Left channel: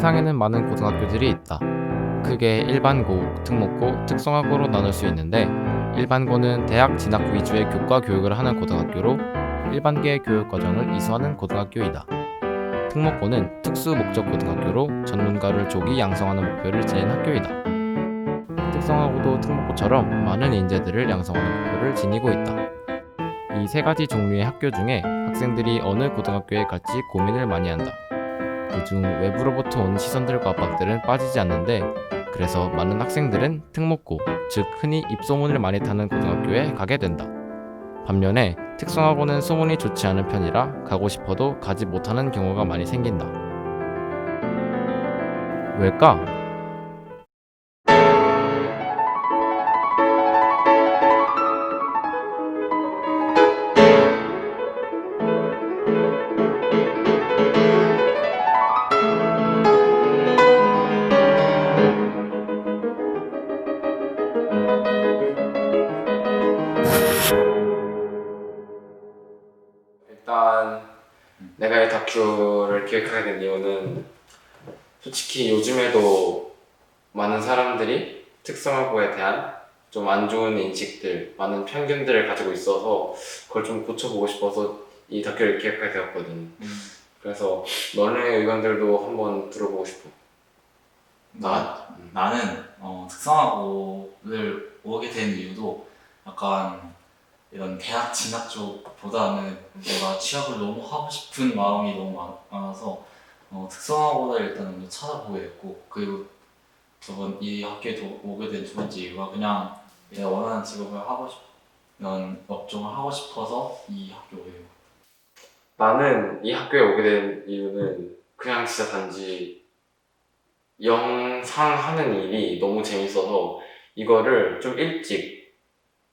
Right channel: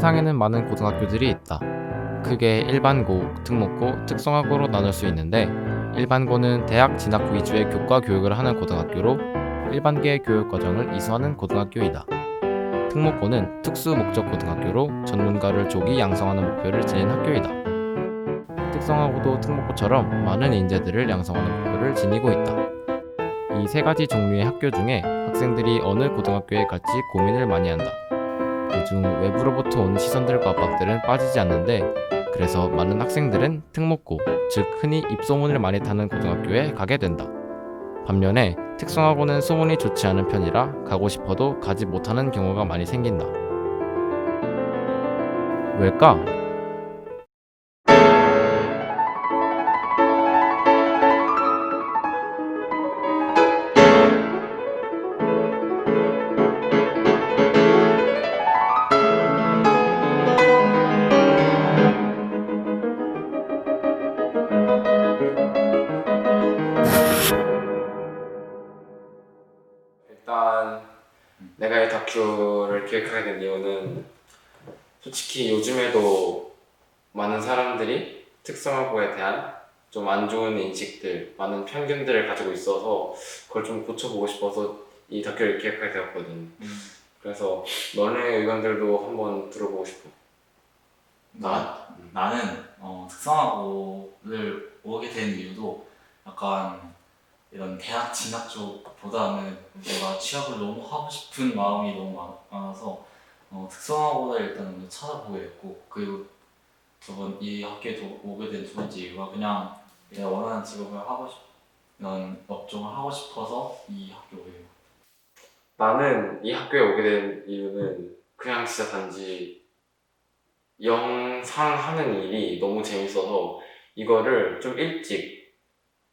세상에는 많은 고등학교들이 있다. 크게 일반고, 특목고, 특성화고로 나눌 수 있는데 일반고는 대학 진학 위주의 교과 교육을 하는 고등학교로 일반계 교육 과정을 이수하는 고등학교이다. 특목고는 특수 목적 고등학교로 전문가를 조기 양성하는 목표를 지닌 학교이다. 특성화고도 특목고처럼 많은 인재들을 양성하는 목표를 지니고 있다. 이 세 가지 종류의 학교 중에 학생들이 어느 고등학교에 갈지 고민을 많이 한다. 그중 외부로부터 온 시선들과 압박들은 빠지지 않는데 그래서 많은 학생들은 특목고, 즉 흔히 입소문을 많이 타는 고등학교에 가게 된다. 반면에 특성화고는 소문이 좋지 않은 편이라 가고 싶어도 가지 못하는 경우가 많이 생긴다. 왜일까? 일단 내가 이 다큐를 기획하게 된 이유는 솔직히 요즘에도 많은 사람들이 특성화고에 대한 좀 안 좋은 인식들, 많은 편견들을 가지고 있어서 그걸 좀 고쳐보고 싶어서 이 다큐를 기획하게 되었거든. 그래서 너네 의견들도 한번 들어보고 싶어. 나는 특성화고를 오게 된 이유도 약간 이런 대학 진학 쪽보다는 내가 취업을 너무 하고 싶은 마음이 너무 많아서 특성화고를 일단 먼저 찾아보게 됐고, 그리고 저번 이 학교에도 오게 된 두 번째 이유가 그냥 내가 원하는 직업을 하고 싶은 업종을 하고 싶어서 이 학교에 오게 된 거야. 나는 이 학교에 오게 된 이유는 그냥 진짜 단지 영상하는 일이 너무 재밌어서 이거를 좀 일찍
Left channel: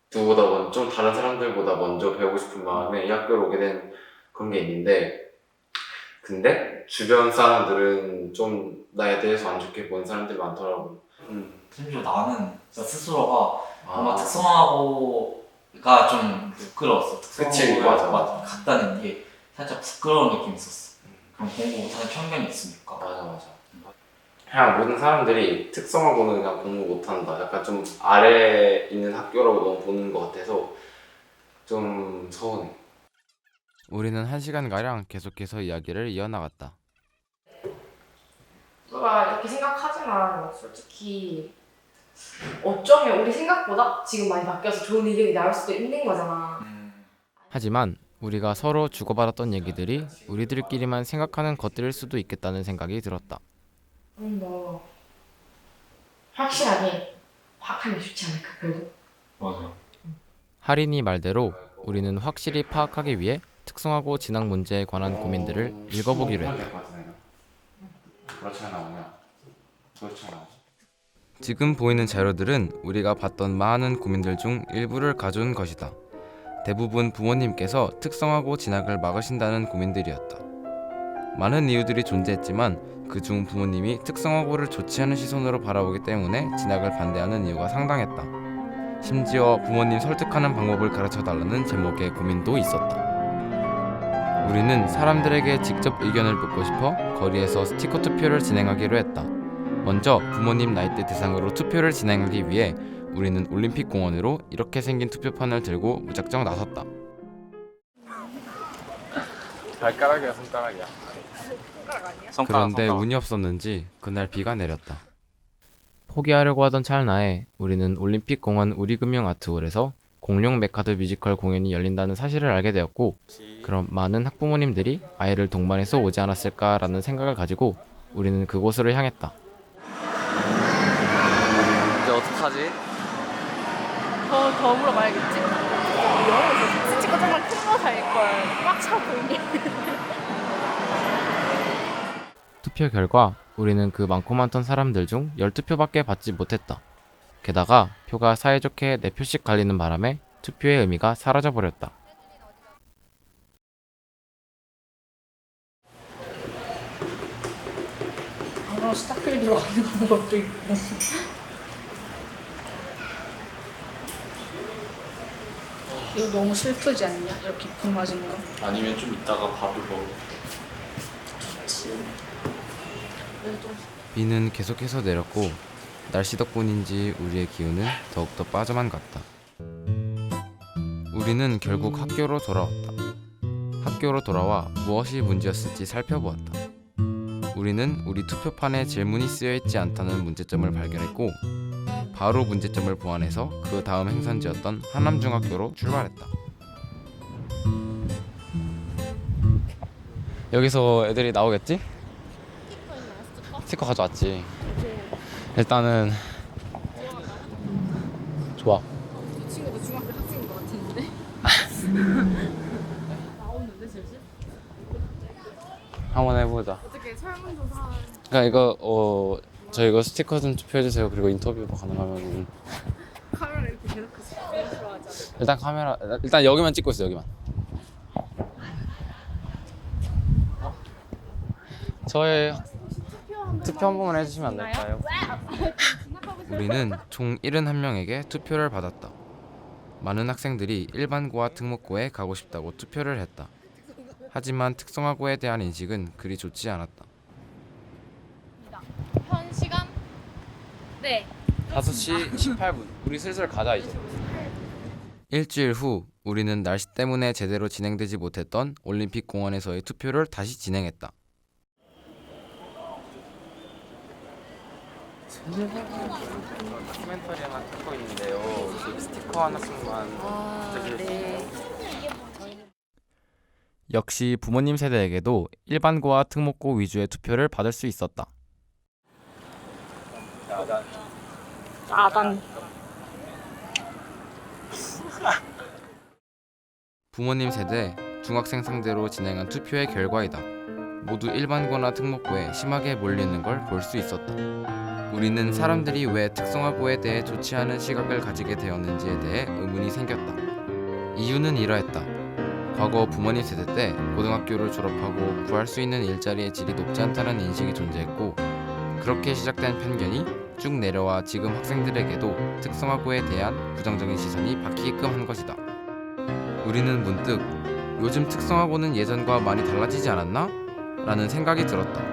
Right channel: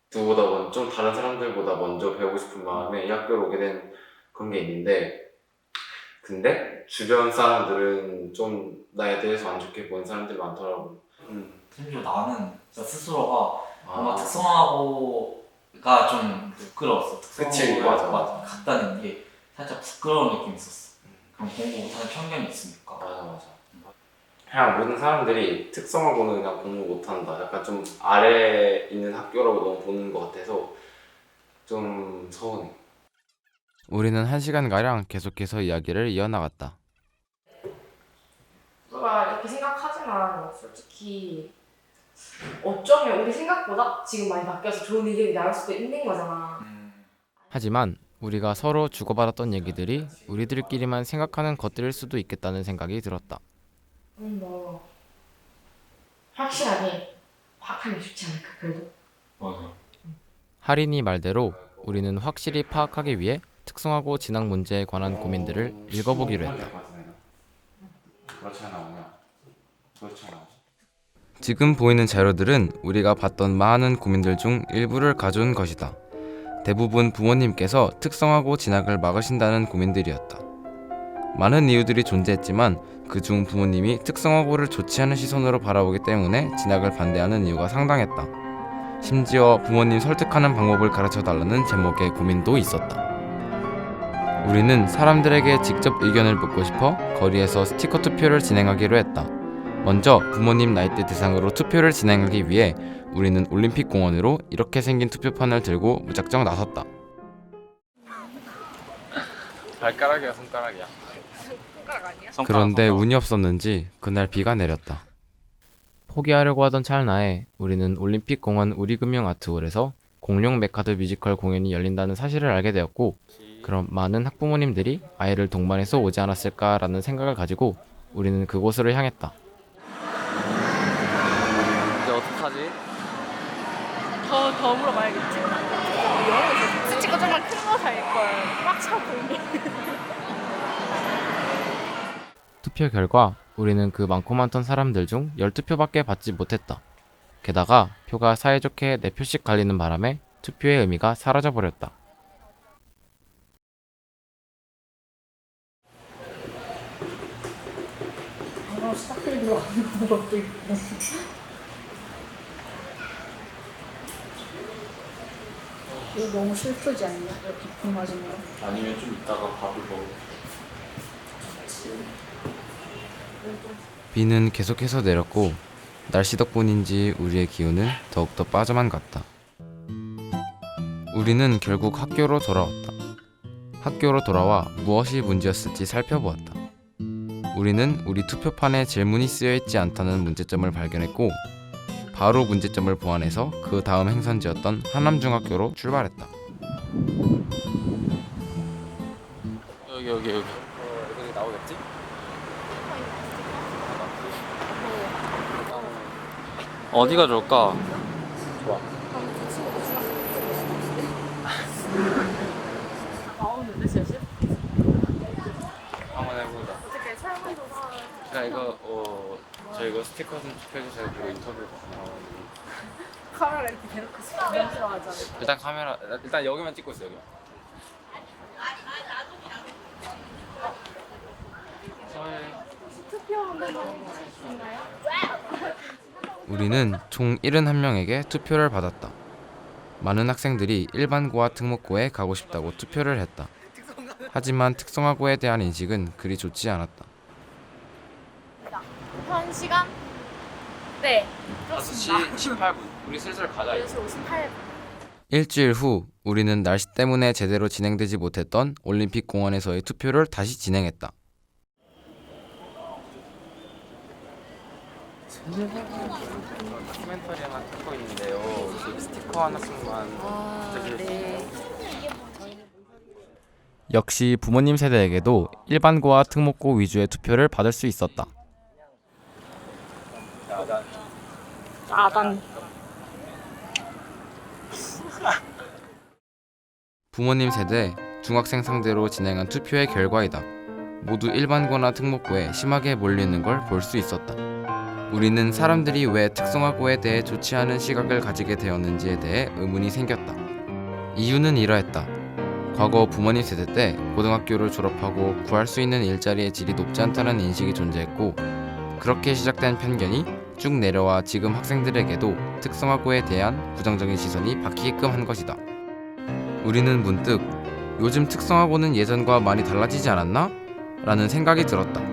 좀 다른 사람들보다 먼저 배우고 싶은 마음에 이 학교를 오게 된 그런 게 있는데, 근데 주변 사람들은 좀 나에 대해서 안 좋게 보는 사람들이 많더라고. 심지어 나는 진짜 스스로가 뭔가 아, 특성화고가 좀 부끄러웠어. 그치, 맞아. 갔다는 게 살짝 부끄러운 느낌이 있었어. 그럼 공부 못하는 편견이 있으니까. 맞아. 그냥 모든 사람들이 특성화고는 그냥 공부 못한다, 약간 좀 아래에 있는 학교라고 너무 보는 것 같아서 좀 서운해. 우리는 1시간가량 계속해서 이야기를 이어나갔다. 너가 이렇게 생각하지만 솔직히 어쩌면 우리 생각보다 지금 많이 바뀌어서 좋은 의견이 나올 수도 있는 거잖아. 하지만 우리가 서로 주고받았던 얘기들이 우리들끼리만 생각하는 것들일 수도 있겠다는 생각이 들었다. 뭐 확실하게 파악하는 게 좋지 않을까 그래도. 맞아. 하린이 말대로 우리는 확실히 파악하기 위해 특성화고 진학 문제에 관한 고민들을 읽어보기로 했다. 그렇지 않아. 지금 보이는 자료들은 우리가 봤던 많은 고민들 중 일부를 가져온 것이다. 대부분 부모님께서 특성화고 진학을 막으신다는 고민들이었다. 많은 이유들이 존재했지만 그중 부모님이 특성화고를 좋지 않은 시선으로 바라보기 때문에 진학을 반대하는 이유가 상당했다. 심지어 부모님 설득하는 방법을 가르쳐달라는 제목의 고민도 있었다. 우리는 사람들에게 직접 의견을 묻고 싶어 거리에서 스티커 투표를 진행하기로 했다. 먼저 부모님 나이대 대상으로 투표를 진행하기 위해 우리는 올림픽 공원으로 이렇게 생긴 투표판을 들고 무작정 나섰다. 발가락이야, 손가락이야? 그런데 운이 없었는지 그날 비가 내렸다. 포기하려고 하던 찰나에 우리는 올림픽 공원 우리금융아트홀에서 공룡 메카드 뮤지컬 공연이 열린다는 사실을 알게 되었고, 그럼 많은 학부모님들이 아이를 동반해서 오지 않았을까라는 생각을 가지고 우리는 그곳으로 향했다. 이제 어떡하지? 더 물어봐야겠지. 영어에서 스티커 정말 큰 거 살걸. 꽉 차 보이게. 투표 결과 우리는 그 많고 많던 사람들 중 12표밖에 받지 못했다. 게다가 표가 사이좋게 4표씩 갈리는 바람에 투표의 의미가 사라져버렸다. 스타필 들어가는 것도 있고. 이거 너무 슬프지 않냐? 이렇게 비 맞은 거. 아니면 좀 이따가 밥을 먹어. 비는 계속해서 내렸고 날씨 덕분인지 우리의 기운은 더욱더 빠져만 갔다. 우리는 결국 학교로 돌아왔다. 학교로 돌아와 무엇이 문제였을지 살펴보았다. 우리는 우리 투표판에 질문이 쓰여있지 않다는 문제점을 발견했고 바로 문제점을 보완해서 그 다음 행선지였던 하남중학교로 출발했다. 여기 여기서 애들이 나오겠지? 스티커 가져왔지. 일단은 어디가 좋을까? 좋아. 나오는데 실실? 한번 해보자. 그냥 이거 저 이거 스티커 좀 투표해주세요. 그리고 인터뷰가 가능하면 카메라 이렇게 대놓고 들어가자. 일단 카메라 일단 여기만 찍고 있어. 여기만. 저의 투표 한 번만 해주시면 안 될까요? 우리는 총 71명에게 투표를 받았다. 많은 학생들이 일반고와 특목고에 가고 싶다고 투표를 했다. 하지만 특성화고에 대한 인식은 그리 좋지 않았다. 한 시간? 네. 5시 18분. 우리 슬슬 가자. 6시 58분. 일주일 후 우리는 날씨 때문에 제대로 진행되지 못했던 올림픽 공원에서의 투표를 다시 진행했다. 다큐멘터리 하나 찍고 있는데요. 스티커 하나씩만 네. 역시 부모님 세대에게도 일반고와 특목고 위주의 투표를 받을 수 있었다. 아단. 부모님 세대, 중학생 상대로 진행한 투표의 결과이다. 모두 일반고나 특목고에 심하게 몰리는 걸 볼 수 있었다. 우리는 사람들이 왜 특성화고에 대해 좋지 않은 시각을 가지게 되었는지에 대해 의문이 생겼다. 이유는 이러했다. 과거 부모님 세대 때 고등학교를 졸업하고 구할 수 있는 일자리의 질이 높지 않다는 인식이 존재했고 그렇게 시작된 편견이 쭉 내려와 지금 학생들에게도 특성화고에 대한 부정적인 시선이 박히게끔 한 것이다. 우리는 문득 요즘 특성화고는 예전과 많이 달라지지 않았나? 라는 생각이 들었다.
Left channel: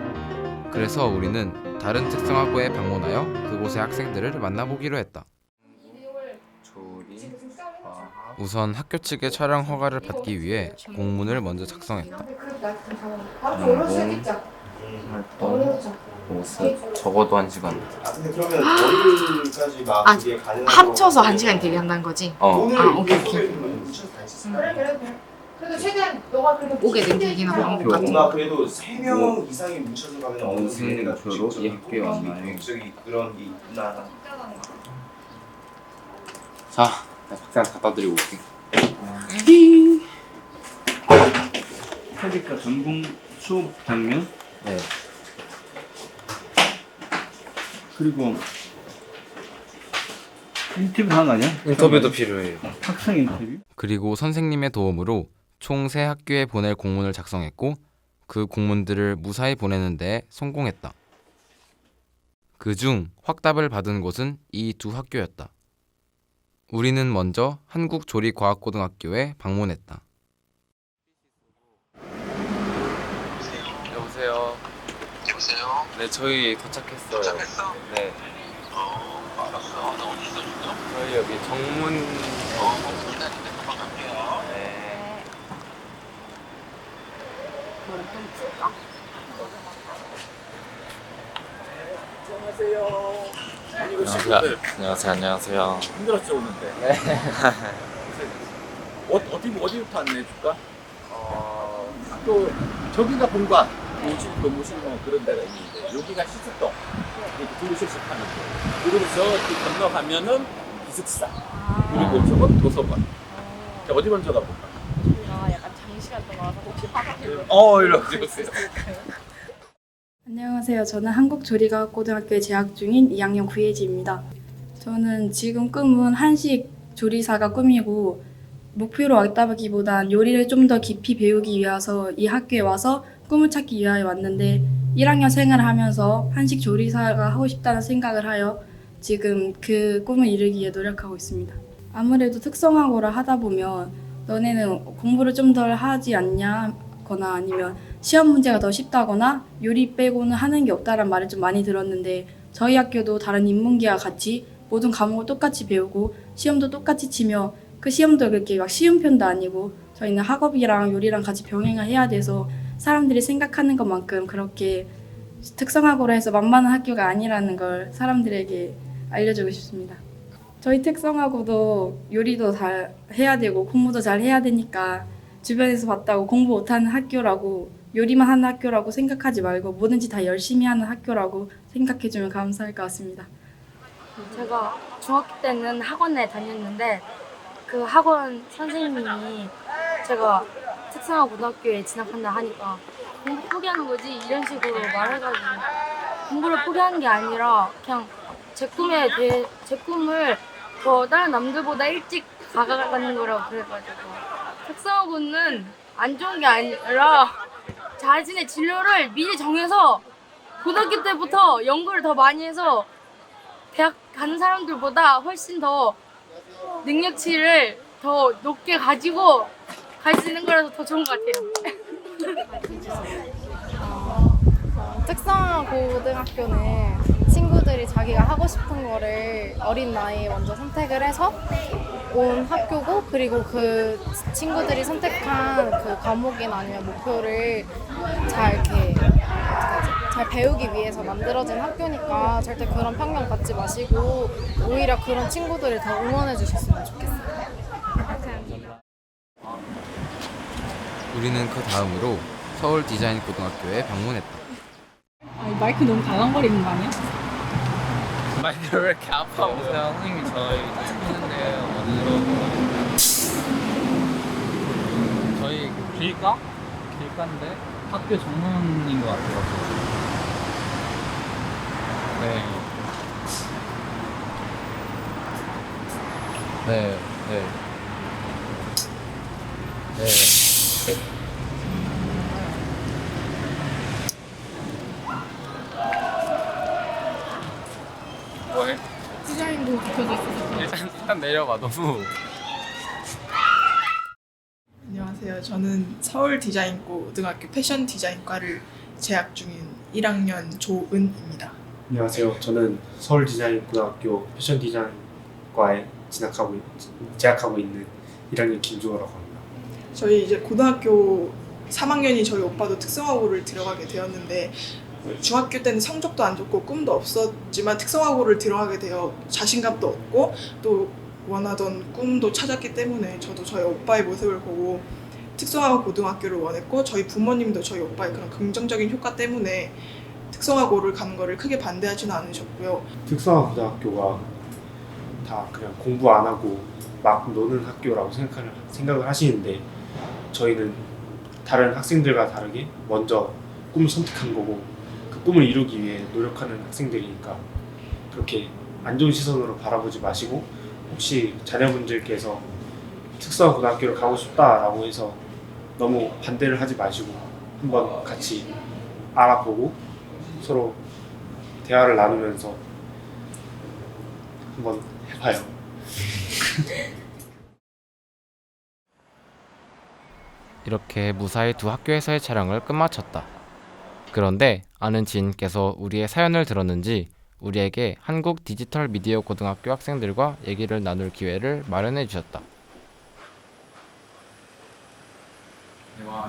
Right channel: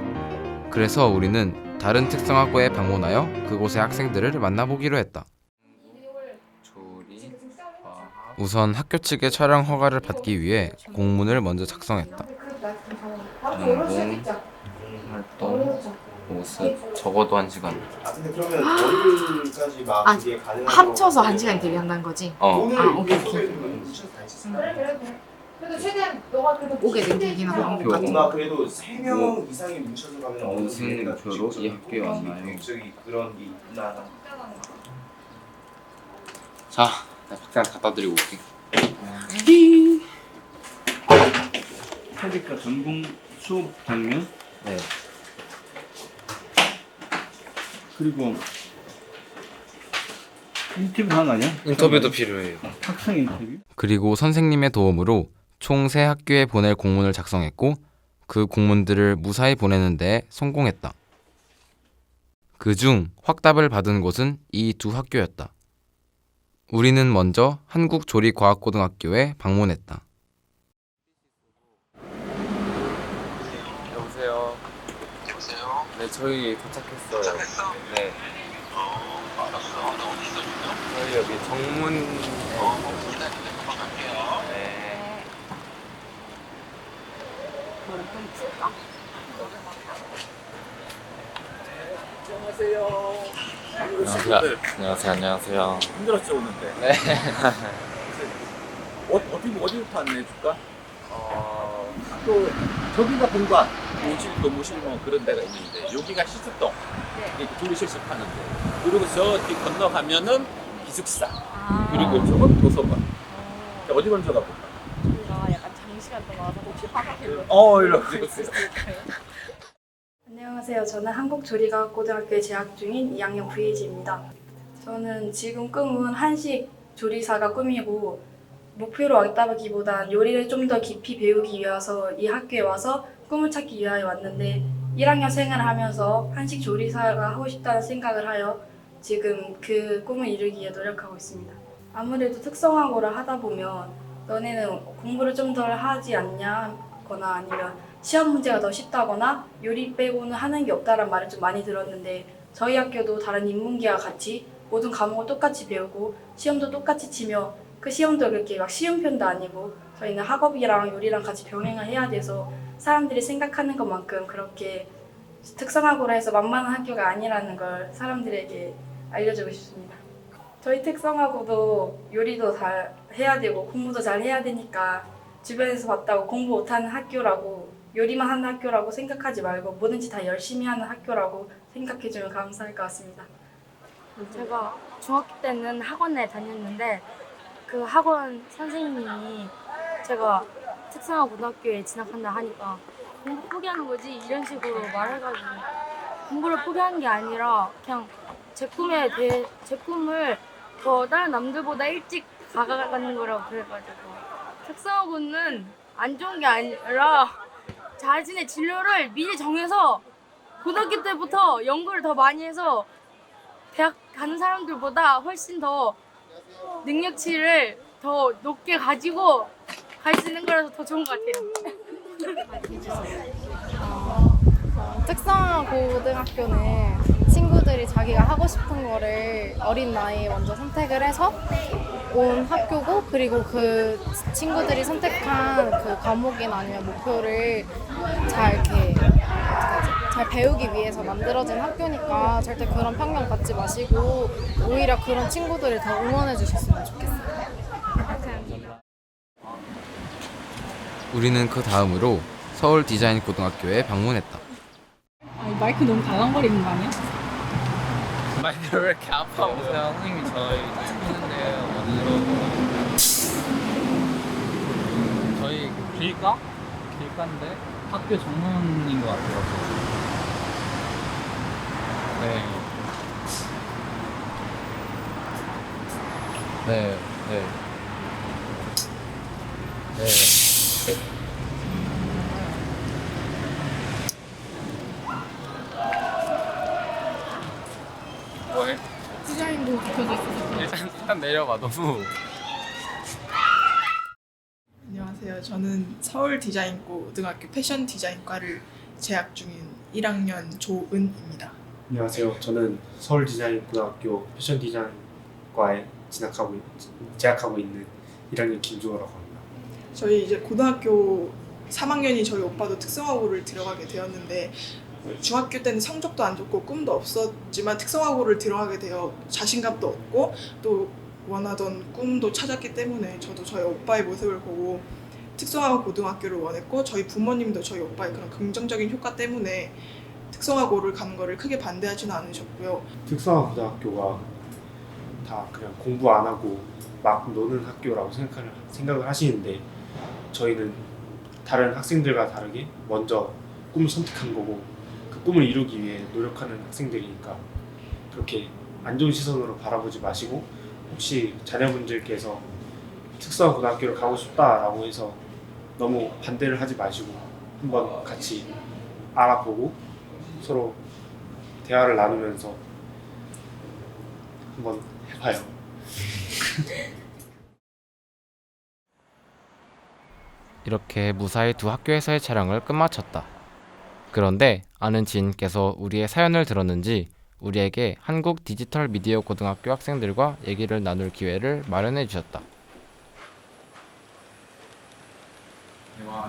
그래서 우리는 다른 특성화고에 방문하여 그곳의 학생들을 만나보기로 했다. 우선 학교 측의 촬영 허가를 받기 위해 공문을 먼저 작성했다. 활동, 모습, 적어도 1시간. 근데 그러면 월요일까지 막 아, 그게 가능한 합쳐서 1시간 대기한다는 거지? 오늘 아, 오케이, 오케이. 그래 최대한 너가 그래도 오게 된 계기나 방법 같은 뭔가 거. 그래도 3명 이상이 뭉쳐서 가면 무슨 목표로 이 학교에 왔나요? 목적이 그런 게 있구나. 자, 나 박사한테 갖다 드리고 올게. 세대과 전공 수업 장면 네. 그리고 인터뷰 하나냐? 인터뷰도 필요해요. 학생 인터뷰? 그리고 선생님의 도움으로 총 3학교에 보낼 공문을 작성했고 그 공문들을 무사히 보내는 데 성공했다. 그중 확답을 받은 곳은 이 2학교였다. 우리는 먼저 한국조리과학고등학교에 방문했다. 여보세요. 여보세요? 네, 저희 도착했어요. 도착했어? 네. 알았어. 나 어디 있어 지금? 저희 여기 정문. 기다리는데 금방 갈게요. 네. 머리 좀 풀까? 안녕하세요. 안녕하세요. 힘들었죠 오는데. 네. 어디부터 안내해줄까? 또 저기가 본관, 교무실 뭐 그런 데가 있는데 여기가 시습동, 이렇게 분리실습하는 데. 그리고 저기 건너가면은 기숙사. 그리고 저건 도서관. 자, 어디 먼저 가볼까? 저희가 약간 장시간 동안 와서 혹시 화장실 이렇게 오세요. 안녕하세요. 저는 한국조리과학고등학교에 재학 중인 2학년 구예지입니다. 저는 지금 꿈은 한식 조리사가 꿈이고 목표로 왔다기보단 요리를 좀 더 깊이 배우기 위해서 이 학교에 와서 꿈을 찾기 위하여 왔는데 1학년 생활을 하면서 한식 조리사가 하고 싶다는 생각을 하여 지금 그 꿈을 이루기 위해 노력하고 있습니다. 아무래도 특성화고를 하다 보면 너네는 공부를 좀 덜 하지 않냐거나 아니면 시험 문제가 더 쉽다거나 요리 빼고는 하는 게 없다는 말을 좀 많이 들었는데 저희 학교도 다른 인문계와 같이 모든 과목을 똑같이 배우고 시험도 똑같이 치며 그 시험도 그렇게 막 쉬운 편도 아니고 저희는 학업이랑 요리랑 같이 병행을 해야 돼서 사람들이 생각하는 것만큼 그렇게 특성화고로 해서 만만한 학교가 아니라는 걸 사람들에게 알려주고 싶습니다. 저희 특성화고도 요리도 잘 해야 되고 공부도 잘 해야 되니까 주변에서 봤다고 공부 못하는 학교라고 요리만 하는 학교라고 생각하지 말고 뭐든지 다 열심히 하는 학교라고 생각해주면 감사할 것 같습니다. 제가 중학교 때는 학원에 다녔는데 그 학원 선생님이 제가 특성화 고등학교에 진학한다 하니까 공부 포기하는 거지 이런 식으로 말해가지고 공부를 포기하는 게 아니라 그냥 제 꿈을 더 다른 남들보다 일찍 다가가는 거라고 그래가지고 특성화고는 안 좋은 게 아니라 자신의 진로를 미리 정해서 고등학교 때부터 연구를 더 많이 해서 대학 가는 사람들보다 훨씬 더 능력치를 더 높게 가지고 갈 수 있는 거라서 더 좋은 것 같아요. 특성화 고등학교는 친구들이 자기가 하고 싶은 거를 어린 나이에 먼저 선택을 해서 온 학교고, 그리고 그 친구들이 선택한 그 과목이나 아니면 목표를 잘 이렇게 잘 배우기 위해서 만들어진 학교니까 절대 그런 편견 갖지 마시고 오히려 그런 친구들을 더 응원해 주셨으면 좋겠어요. 우리는 그 다음으로 서울 디자인 고등학교에 방문했다. 아니, 마이크 너무 달랑거리는 거 아니야? 마이크를 왜 이렇게 아파 보세요? 선생님이 저희 했는데 저희 길가인데 학교 정문인 것 같아요. 네. 네. 네. 네. 뭐해? 디자인도 붙여져 있어. 일단 내려봐. 너무. 안녕하세요. 저는 서울 디자인고등학교 패션 디자인과를 재학 중인 1학년 조은입니다. 안녕하세요. 저는 서울 디자인고등학교 패션 디자인과에 재학하고 있는 1학년 김주호라고 합니다. 저희 이제 고등학교 3학년이 저희 오빠도 특성화고를 들어가게 되었는데 중학교 때는 성적도 안 좋고 꿈도 없었지만 특성화고를 들어가게 되어 자신감도 얻고 또 원하던 꿈도 찾았기 때문에 저도 저희 오빠의 모습을 보고 특성화 고등학교를 원했고 저희 부모님도 저희 오빠의 그런 긍정적인 효과 때문에 특성화고를 가는 거를 크게 반대하지는 않으셨고요. 특성화 고등학교가 다 그냥 공부 안 하고 막 노는 학교라고 생각을 하시는데 저희는 다른 학생들과 다르게 먼저 꿈을 선택한 거고 그 꿈을 이루기 위해 노력하는 학생들이니까 그렇게 안 좋은 시선으로 바라보지 마시고 혹시 자녀분들께서 특성화 고등학교를 가고 싶다라고 해서 너무 반대를 하지 마시고 한번 같이 알아보고 서로 대화를 나누면서 한번 해봐요. 이렇게 무사히 두 학교에서의 촬영을 끝마쳤다. 그런데 아는 지인께서 우리의 사연을 들었는지 우리에게 한국 디지털 미디어 고등학교 학생들과 얘기를 나눌 기회를 마련해 주셨다.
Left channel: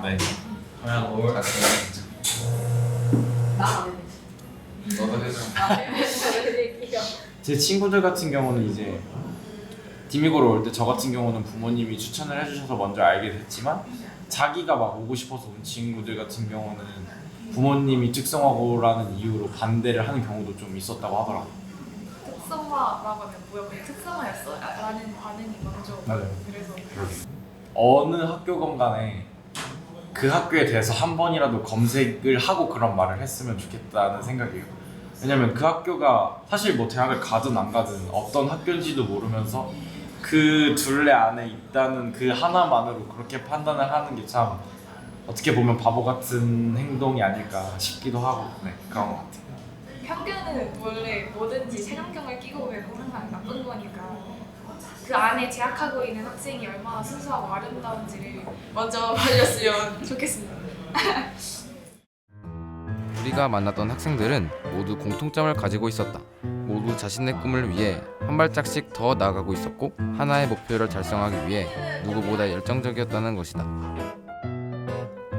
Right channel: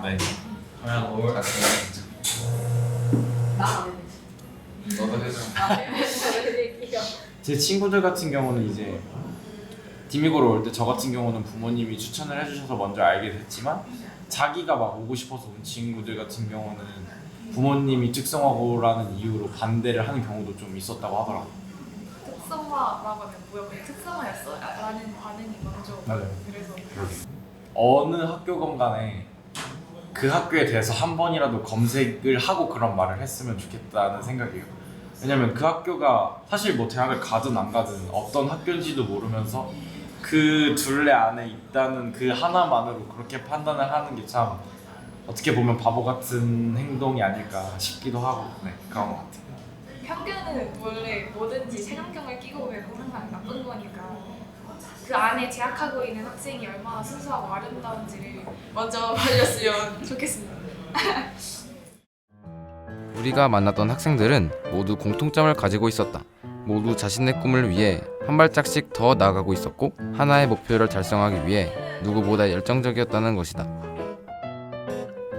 네. 그냥 뭘 너도 해줘. 제 친구들 같은 경우는 이제 디미고로 올 때 저 같은 경우는 부모님이 추천을 해주셔서 먼저 알게 됐지만 자기가 막 오고 싶어서 온 친구들 같은 경우는 부모님이 특성화고라는 이유로 반대를 하는 경우도 좀 있었다고 하더라고요. 특성화라고 하면 뭐야? 그냥 특성화였어? 라는 반응이 먼저. 맞아요. 그래서 어느 학교건 간에 그 학교에 대해서 한 번이라도 검색을 하고 그런 말을 했으면 좋겠다는 생각이에요. 왜냐면 그 학교가 사실 뭐 대학을 가든 안 가든 어떤 학교인지도 모르면서 그 둘레 안에 있다는 그 하나만으로 그렇게 판단을 하는 게 참 어떻게 보면 바보 같은 행동이 아닐까 싶기도 하고 네, 그런 것 같아요. 편견은 원래 뭐든지 색안경을 끼고 보면 항상 나쁜 거니까 그 안에 재학하고 있는 학생이 얼마나 순수하고 아름다운지를 먼저 봐주셨으면 좋겠습니다. 우리가 만났던 학생들은 모두 공통점을 가지고 있었다. 모두 자신의 꿈을 위해 한 발짝씩 더 나아가고 있었고 하나의 목표를 달성하기 위해 누구보다 열정적이었다는 것이다.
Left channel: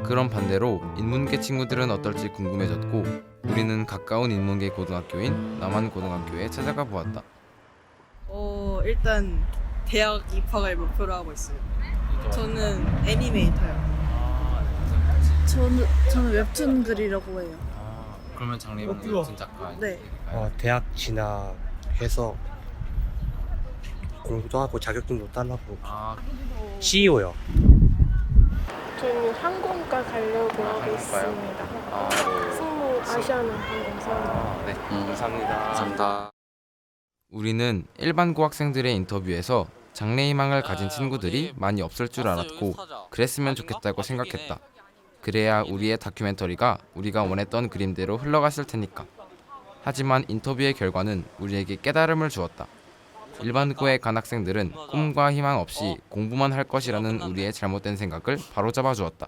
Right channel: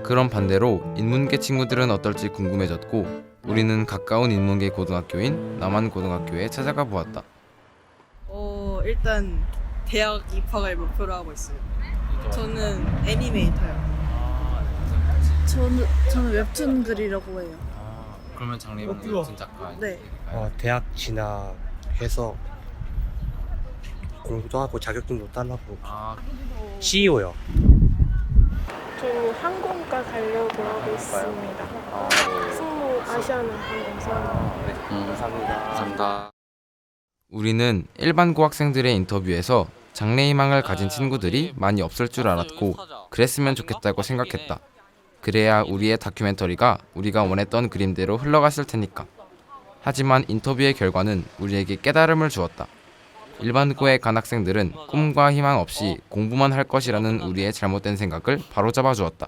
그런 반대로 인문계 친구들은 어떨지 궁금해졌고 우리는 가까운 인문계 고등학교인 남한고등학교에 찾아가 보았다. 일단 대학 입학을 목표로 하고 있어요. 저는 애니메이터요. 저는 웹툰 그리려고 해요. 그러면 장래희망 웹툰 작가. 네. 대학 진학해서 공부도 하고 자격증도 따려고. CEO요. 저는 항공과 가려고 하고 있습니다. 승무 아시아나 항공사. 네, 감사합니다. 우리는 일반고 학생들의 인터뷰에서 장래희망을 가진 친구들이 많이 없을 줄 알았고 그랬으면 좋겠다고 생각했다. 그래야 우리의 다큐멘터리가 우리가 원했던 그림대로 흘러갔을 테니까. 하지만 인터뷰의 결과는 우리에게 깨달음을 주었다. 일반고에 간 학생들은 꿈과 희망 없이 공부만 할 것이라는 우리의 잘못된 생각을 바로잡아 주었다.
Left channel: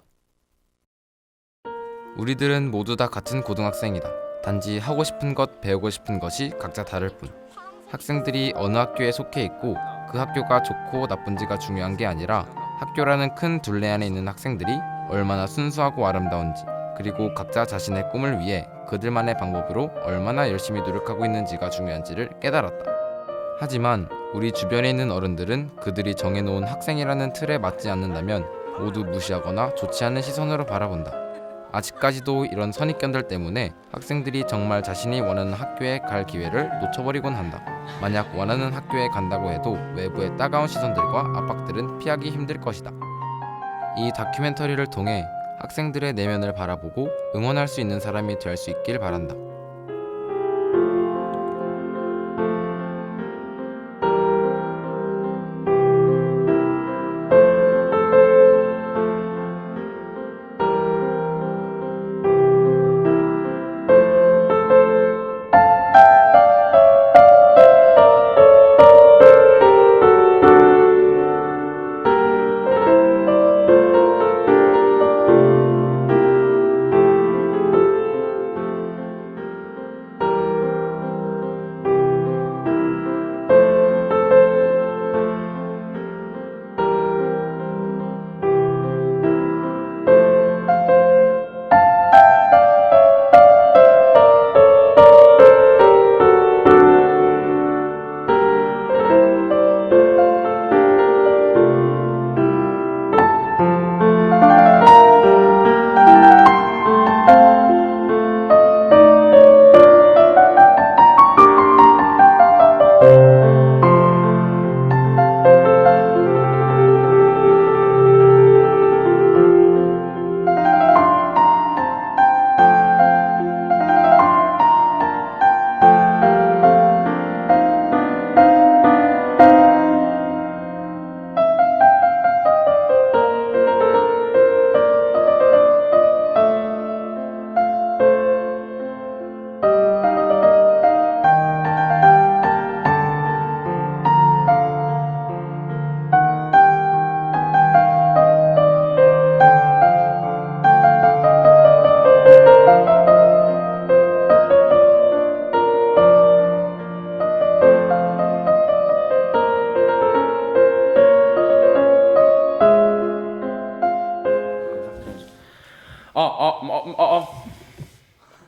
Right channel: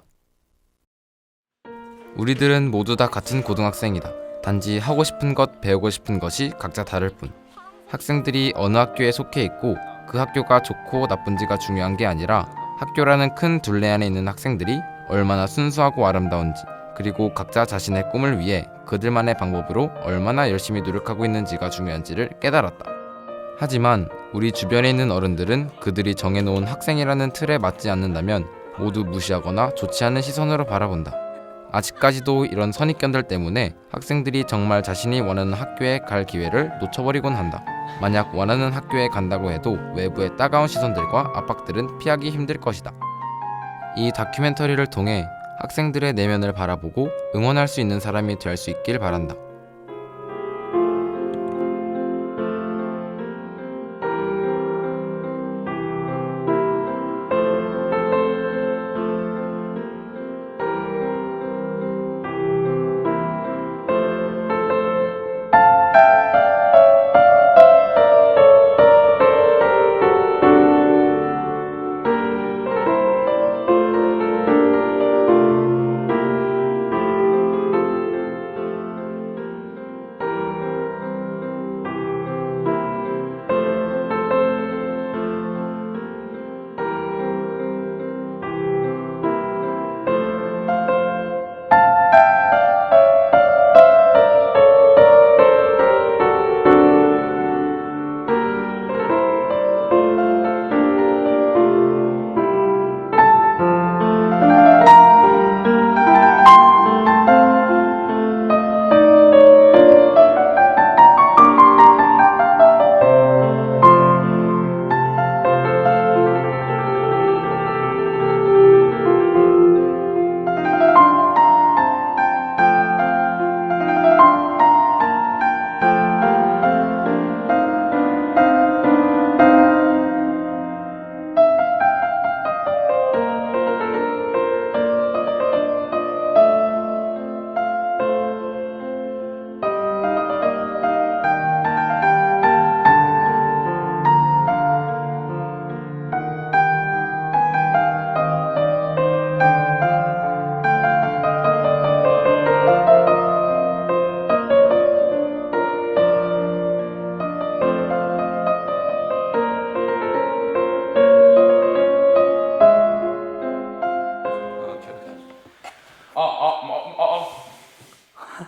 우리들은 모두 다 같은 고등학생이다. 단지 하고 싶은 것, 배우고 싶은 것이 각자 다를 뿐. 학생들이 어느 학교에 속해 있고 그 학교가 좋고 나쁜지가 중요한 게 아니라 학교라는 큰 둘레 안에 있는 학생들이 얼마나 순수하고 아름다운지, 그리고 각자 자신의 꿈을 위해 그들만의 방법으로 얼마나 열심히 노력하고 있는지가 중요한지를 깨달았다. 하지만 우리 주변에 있는 어른들은 그들이 정해놓은 학생이라는 틀에 맞지 않는다면 모두 무시하거나 좋지 않은 시선으로 바라본다. 아직까지도 이런 선입견들 때문에 학생들이 정말 자신이 원하는 학교에 갈 기회를 놓쳐버리곤 한다. 만약 원하는 학교에 간다고 해도 외부의 따가운 시선들과 압박들은 피하기 힘들 것이다. 이 다큐멘터리를 통해 학생들의 내면을 바라보고 응원할 수 있는 사람이 될 수 있길 바란다.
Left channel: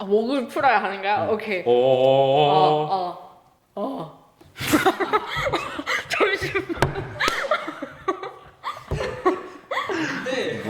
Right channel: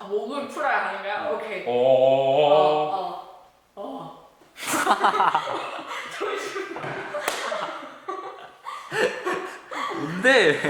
목을 풀어야 하는가요? 오케이. 잠시만. 네.